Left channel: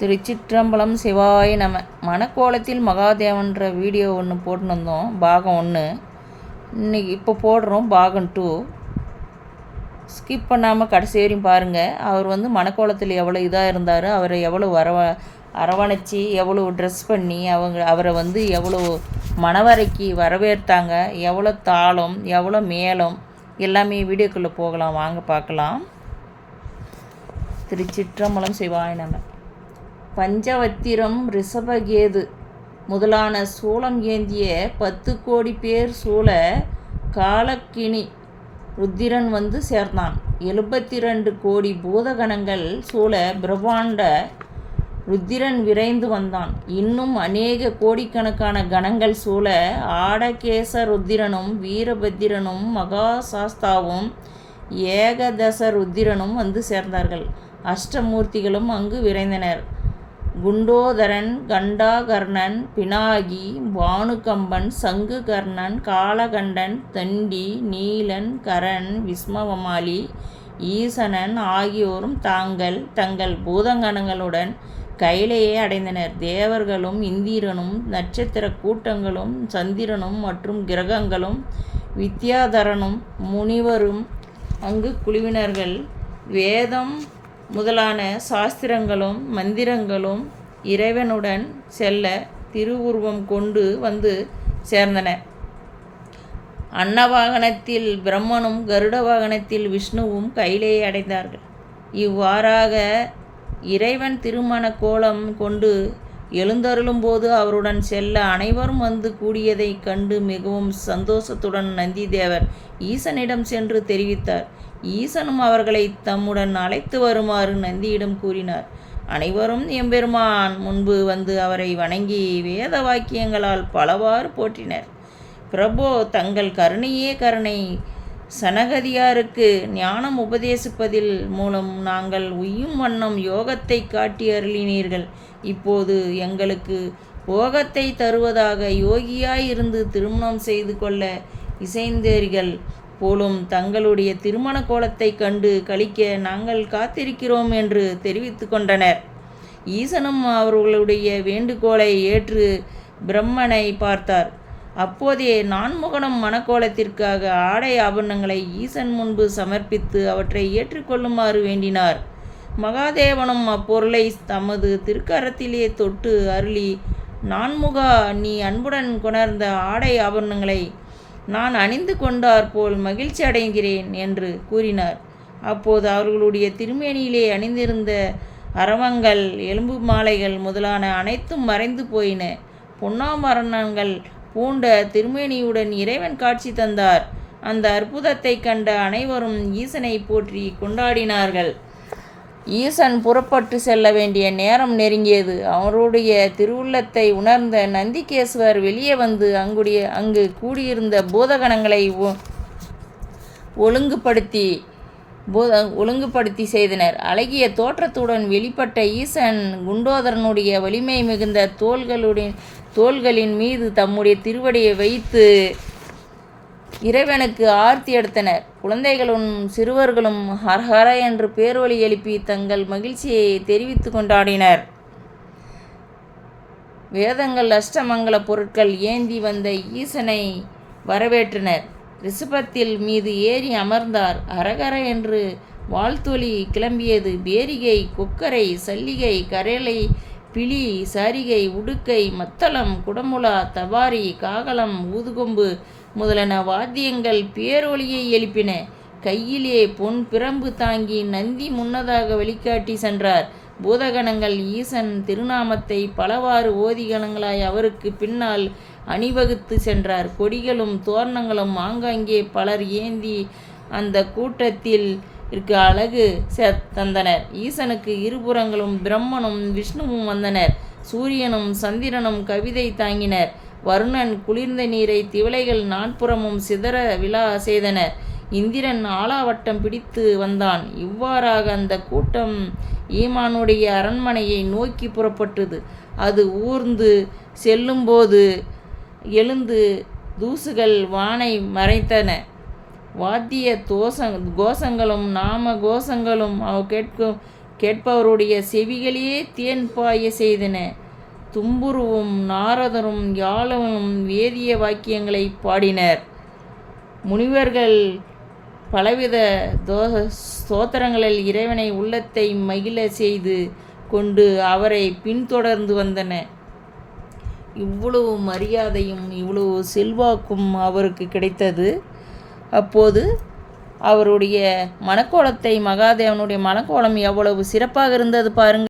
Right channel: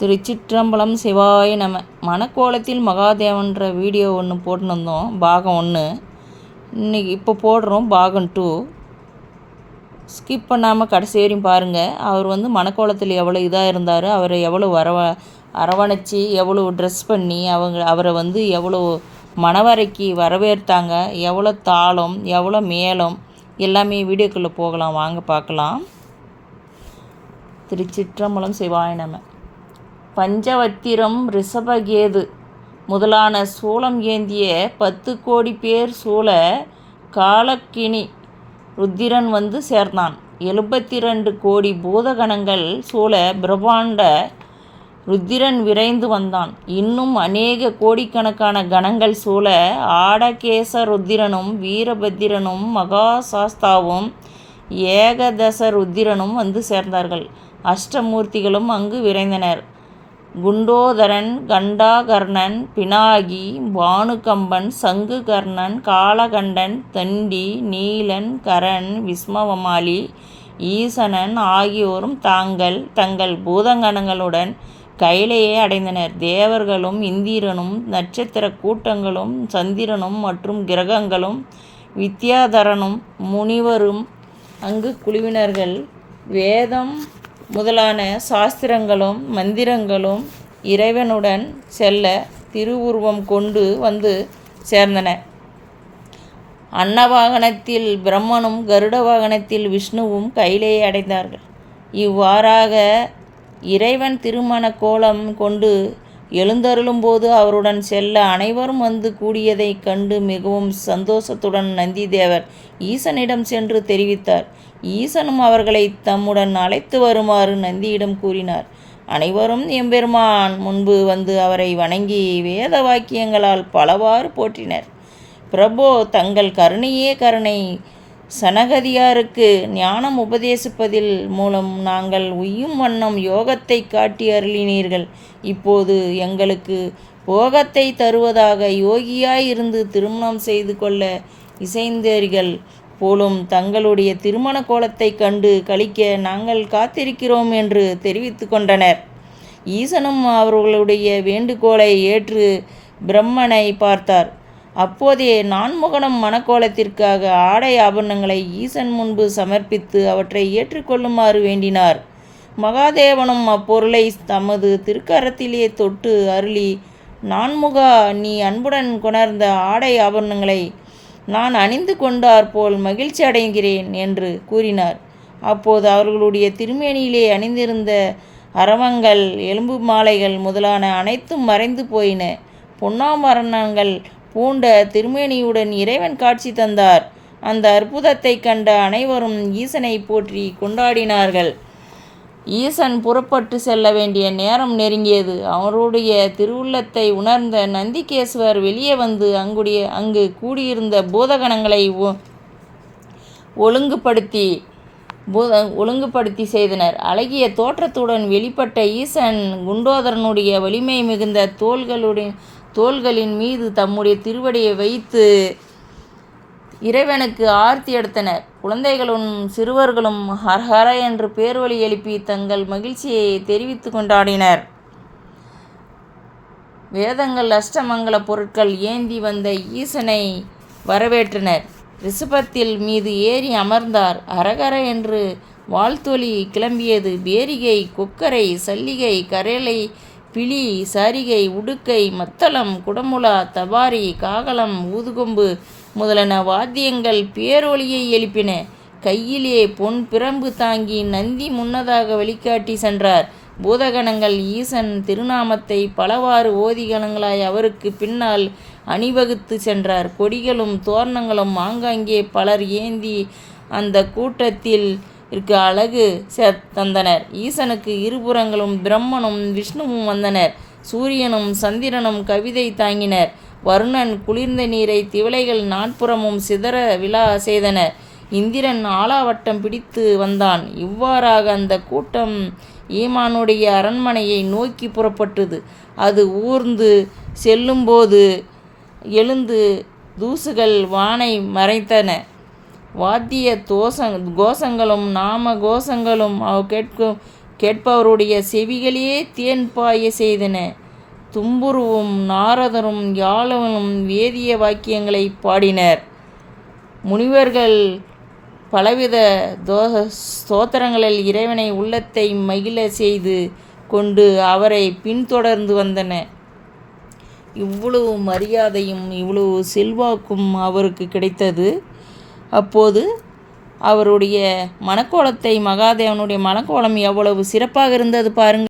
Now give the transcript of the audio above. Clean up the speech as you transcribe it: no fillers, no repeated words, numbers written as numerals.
திருச்சிற்றம்பலம் சிவாய நம. மணக்கோலத்தில் மகாதேவன்ற வீடியோ ஒன்று போட்டுருந்தோம், பாகம் 1. இன்றைக்கி இப்போ போடுறோம் பாகம் 2. ஸ்கிப் பண்ணாமல் கடைசி வரையும் பாருங்கள். அவர் மணக்கோலத்தில் எவ்வளோ இதாக இருந்தார், அவரை எவ்வளோ அரவணைச்சி எவ்வளோ ட்ரெஸ் பண்ணி அவரை எவ்வளோ மணவறைக்கு வரவேற்றாங்க, எவ்வளோ தாளம் எவ்வளோ மேளம் எல்லாமே வீடியோக்குள்ளே போகலாம், வாங்க பார்க்கலாம். திருச்சிற்றம்பலம் சிவாய நம. பஞ்சவத்திரம் ரிஷபகேது முதலான சூலம் ஏந்திய 10 கோடி பேர் சூழ காலக்கினி ருத்திரன் சேர்ந்தான். 72 கோடி பூதகணங்கள் சூழ பிரம்மாண்ட ருத்திரன் விரைந்து வந்தான். இன்னும் அநேக கோடிக்கணக்கான கணங்கள் சூழ ஆடகேச ருத்திரனும் வீரபத்திரனும் மகாசாஸ்தாவும் ஏகதச ருத்திரனும் சேர்ந்தார்கள். அஷ்டமூர்த்திகளும் அங்கு விரைந்தனர். குண்டோதரன், கண்டாகர்ணன், பினாகி, பானுகம்பன், சங்குகர்ணன், காலகண்டன், தண்டி, நீலன், கரன், விஸ்மவமாலி, ஈசனன் ஆகியோரும் தங்கள் பூதகணங்களுடன் கைலையை அடைந்தனர். தேவர்களும் இந்திரனும் நட்சத்திர கூட்டங்களும் சந்திரனும் மற்றும் கிரகங்களும் வித்யாதரனும் முனிவரும் அங்கு குழுவினர்கள். வேதம் முதலான சாஸ்திரங்களும் மந்திரங்களும் இறைவனுடன் செல்ல திருவுருவம் கொண்டு சேர்ந்தன. அன்னவாகனத்தில் பிரம்மனும் கருட வாகனத்தில் விஷ்ணுவும் கைலையை அடைந்தார்கள். இவ்வாறாக இறைவன் திருமண கோலம் கொண்டு எழுந்தருளும்போது அவருடன் செல்ல அனைவரும் கூடியதைக் கண்டு மிகவும் சந்தோஷத்துடன் நந்திதேவர் ஈசனிடம் சென்று தெரிவித்தார். ஈசனும் அவர்களை தம்முடன் அழைத்து வருமாறு நந்தியிடம் கூறினார். அனைவரும் எம்பெருமான் முன்பு அவரை வணங்கி வேத வாக்கியங்களால் பலவாறு போற்றினர். பிரபோ, தங்கள் கருணையே கருணை. சனகதியாருக்கு ஞானம் உபதேசிப்பதில் மூலம் நாங்கள் உய்யும் வண்ணம் யோகத்தை காட்டி அருளினீர்கள். இப்போது எங்களுக்கு போகத்தை தருவதாக யோகியாயிருந்து திருமணம் செய்து கொள்ள இசைந்தீர்கள் போலும் தங்களுடைய திருமண கோலத்தை கண்டு கழிக்க நாங்கள் காத்திருக்கிறோம் என்று தெரிவித்து கொண்டனர். ஈசனும் அவர்களுடைய வேண்டுகோளை ஏற்று பிரம்மனை பார்த்தார். அப்போதே நான்முகனும் மணக்கோலத்திற்காக ஆடை ஆபரணங்களை ஈசன் முன்பு சமர்ப்பித்து அவற்றை ஏற்றுக்கொள்ளுமாறு வேண்டினார். மகாதேவனும் அப்பொருளை தமது திருக்கரத்திலே தொட்டு அருளி, நான்முகா, நீ அன்புடன் கொணர்ந்த ஆடை ஆபரணங்களை நான் அணிந்து கொண்டார் போல் மகிழ்ச்சி அடைகிறேன் என்று கூறினார். அப்போது அவர்களுடைய திருமேனியிலே அணிந்திருந்த அரவங்கள், எலும்பு மாலைகள் முதலான அனைத்தும் மறைந்து போயின. பொன்னாபரணங்கள் பூண்ட திருமேனியுடன் இறைவன் காட்சி தந்தார். அந்த அற்புதத்தை கண்ட அனைவரும் ஈசனை போற்றி கொண்டாடினார்கள். ஈசன் புறப்பட்டு செல்ல வேண்டிய நேரம் நெருங்கியது. அவருடைய திருவுள்ளத்தை உணர்ந்த நந்திகேஸ்வர் வெளியே அங்கு கூடியிருந்த பூதகணங்களை ஒழுங்குபடுத்தி செய்தனர். அழகிய தோற்றத்துடன் வெளிப்பட்ட ஈசன் குண்டோதரனுடைய வலிமை மிகுந்த தோள்களின் மீது தம்முடைய திருவடியை வைத்து இறைவனுக்கு ஆர்த்தி எடுத்தனர். குழந்தைகளும் சிறுவர்களும் ஹரஹர என்று பேர்வழி எழுப்பி தங்கள் மகிழ்ச்சியை தெரிவித்து கொண்டாடினர். வேதங்கள் அஷ்டமங்கல பொருட்கள் ஏந்தி வந்த ஈசனை வரவேற்றனர். ரிஷபத்தில் மீது ஏறி அமர்ந்தார். ஹரஹர என்று வாழ்த்தொலி கிளம்பியது. பேரிகை, கொக்கரை, சல்லிகை, கரலை, பிலி, சாரிகை, உடுக்கை, மத்தளம், குடமுலா, தபாரி, காகலம், ஊதுகொம்பு முதலான வாத்தியங்கள் பேரொலியை எழுப்பின. கையிலே பொன் பிரம்பு தாங்கி நந்தி முன்னதாக வழிகாட்டி சென்றார். பூதகணங்கள் ஈசன் திருநாமத்தை பலவாறு ஓதிகணங்களாய் அவருக்கு பின்னால் அணிவகுத்து சென்றார். கொடிகளும் தோரணங்களும் ஆங்காங்கே பலர் ஏந்தி அந்த கூட்டத்தில் அழகு தந்தனர். ஈசனுக்கு இருபுறங்களும் பிரம்மனும் விஷ்ணுவும் வந்தனர். சூரியனும் சந்திரனும் கவிதை தாங்கினர். வருணன் குளிர்ந்த நீரை திவலைகள் நாற்புறமும் சிதற விழா செய்தனர். இந்திரன் ஆலாவட்டம் பிடித்து வந்தான். இவ்வாறாக அந்த கூட்டம் ஈமானுடைய அரண்மனையை நோக்கி புறப்பட்டது. அது ஊர்ந்து செல்லும்போது எழுந்து தூசுகள் வானை மறைத்தன. வாத்திய கோஷங்களும் நாம கோஷங்களும் கேட்பவருடைய செவிகளே தேன் பாய செய்தன. தும்புருவும் நாரதரும் யாழவனும் வேதிய வாக்கியங்களை பாடினர். முனிவர்கள் பலவித ஸ்தோத்திரங்களில் இறைவனை உள்ளத்தை மகிழ செய்து கொண்டு அவரை பின்தொடர்ந்து வந்தனர். இவ்வளவு மரியாதையும் இவ்வளவு செல்வாக்கும் அவருக்கு கிடைத்தது. அப்போது அவருடைய மணக்கோலத்தை மகாதேவனுடைய மணக்கோலம் எவ்வளவு சிறப்பாக இருந்தது பாருங்கள்.